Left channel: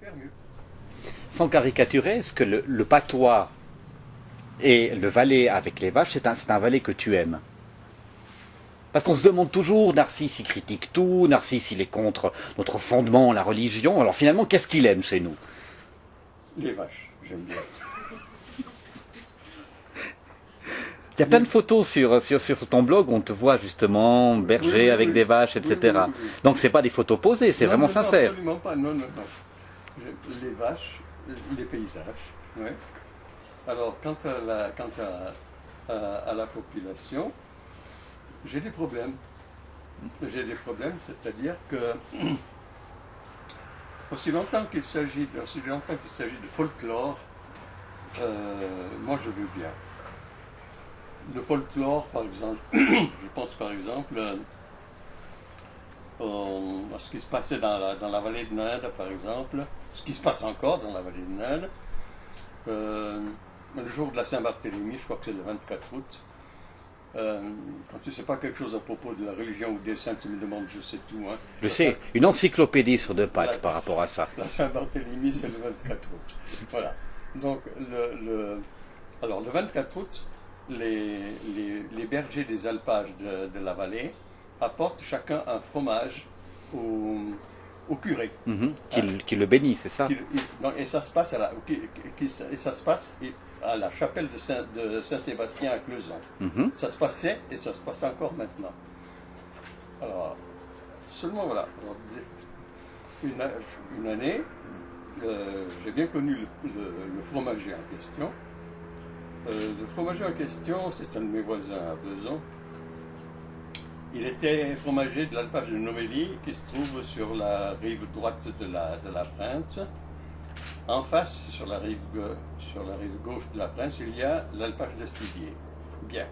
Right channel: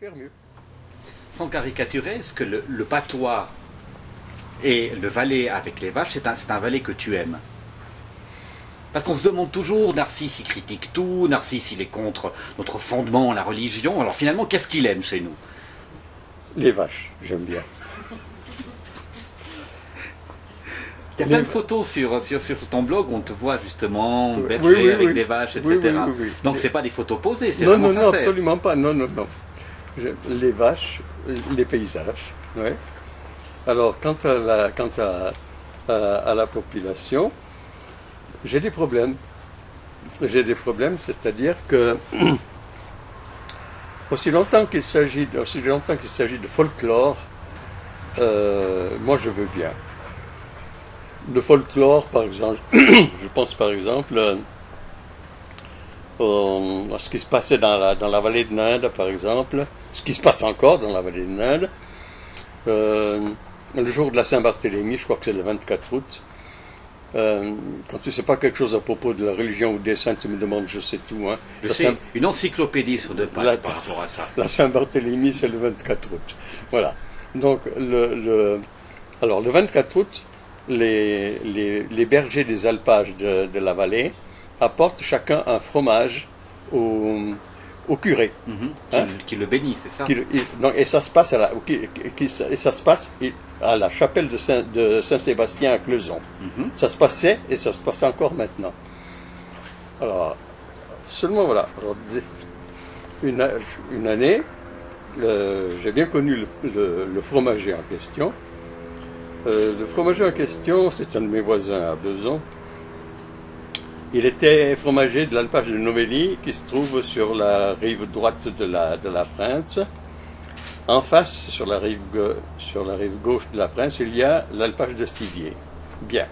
faire mieux. Sans caricaturer, est-ce que le patois et le Valais avec les vaches, c'est un Valais que tu aimes? Parce qu'on se demande toujours, Narcisse il critique tout, Narcisse il est contre notre fondement, la religion, alors finalement qu'est-ce qu'il aime chez nous? Les vaches, j'aime bien. Il y a plein de photos sur ton blog où on te voit justement berger avec des vaches, etc. Donc c'est pas des photos posées, c'est vraiment sincère. Non, absolument pas, non. Les vaches, les paysages, ouais. Alors, quant à la population, j'ai des problèmes. C'est-à-dire que aussi longtemps qu'il s'agit de folklore, moi je veux bien. Le folklore, par exemple, je pense par exemple à ce qui se passait dans la vallée de l'Inde, par exemple, ce qui se passe encore dans la vallée de l'Inde. Le jour de la Saint-Barthélemy, je crois que c'est le 24 août, quand tu ne sais pas quelque chose à propos de la religion ou des saints, tu me demandes, je sais tout. Hein. Je sais, une encyclopédie sur 2 pages par rapport à ça. La Saint-Barthélemy, c'est le 24 août. Voilà. Donc, alors, le 24 août, les bergers des alpages de la vallée apportent chacun un fromage au curé. Qui le bénit, c'est ça? Et ça se passe à la chapelle de Saint-Sébastien à Cleuson. Ça se passait et ça se passe encore maintenant. Alors, seulement voilà. Alors, une année, j'ai bien connu le fromager en question. Le fromager en question, c'est un de mes voisins à Besançon. Il était fromager de l'alpage de Novelli, qui se trouve sur la rive droite de la Prince. En face, sur la rive gauche de la Prince, il y a l'alpage de Sivier. Bien.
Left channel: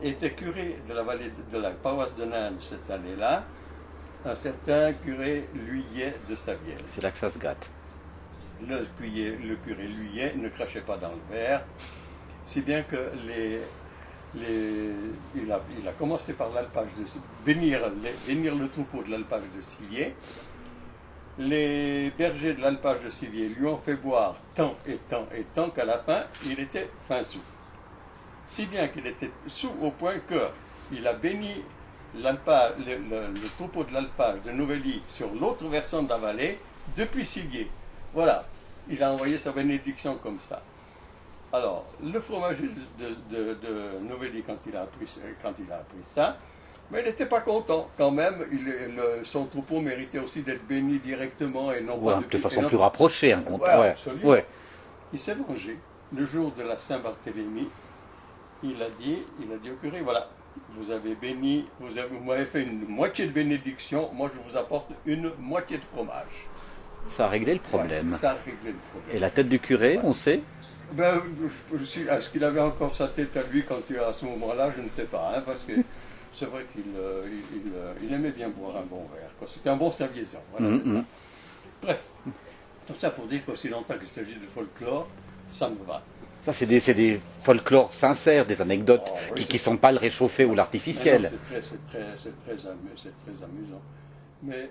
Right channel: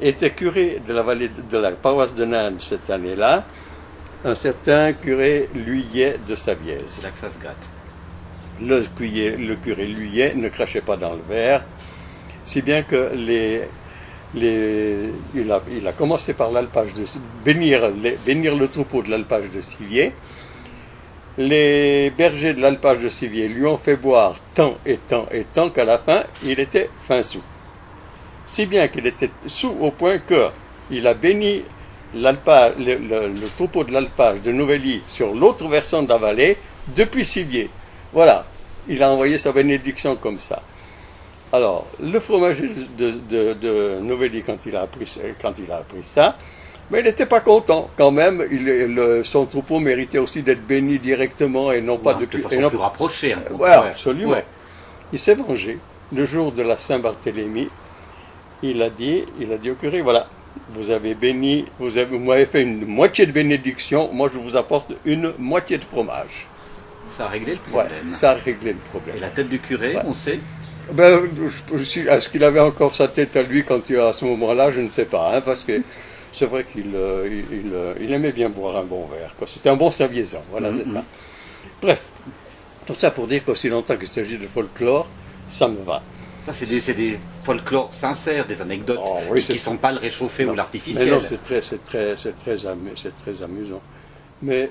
Était curé de la vallée de la paroisse de Nain cette année-là, un certain curé Luyet de Savièse. C'est là que ça se gâte. Le curé Luyet ne crachait pas dans le verre, si bien que il a commencé par l'alpage de bénir le troupeau de l'alpage de Sivier. Les bergers de l'alpage de Sivier lui ont fait boire tant et tant et tant qu'à la fin, il était fin sous. Si bien qu'il était sous au point qu'il a béni le troupeau de l'alpage de Novelli sur l'autre versant de la vallée depuis Sivier. Voilà, il a envoyé sa bénédiction comme ça. Alors, le fromager de Novelli, quand il a appris ça, mais il n'était pas content. Quand même, son troupeau méritait aussi d'être béni directement et non pas de façon plus rapprochée. Oui, absolument. Ouais. Il s'est vengé. Le jour de la Saint-Barthélemy, il a dit au curé, voilà, vous m'avez fait une moitié de bénédiction, moi je vous apporte une moitié de fromage. Ça a réglé le problème. Ouais, ça a réglé le problème. Et la tête du curé, on sait? Est-ce qu'il avait encore sa tête à lui à ce moment-là, je ne sais pas, hein, parce que c'est vrai qu'il aimait bien boire un bon verre. C'était un bon Saviésan, voilà, c'est ça. Bref, tout ça pour dire qu'aussi longtemps qu'il s'agit de folklore, ça me va. Ça, c'est des folklores sincères, des anecdotes qui ne sont pas le réchauffé ou l'artificiel. C'est très amusant. Mais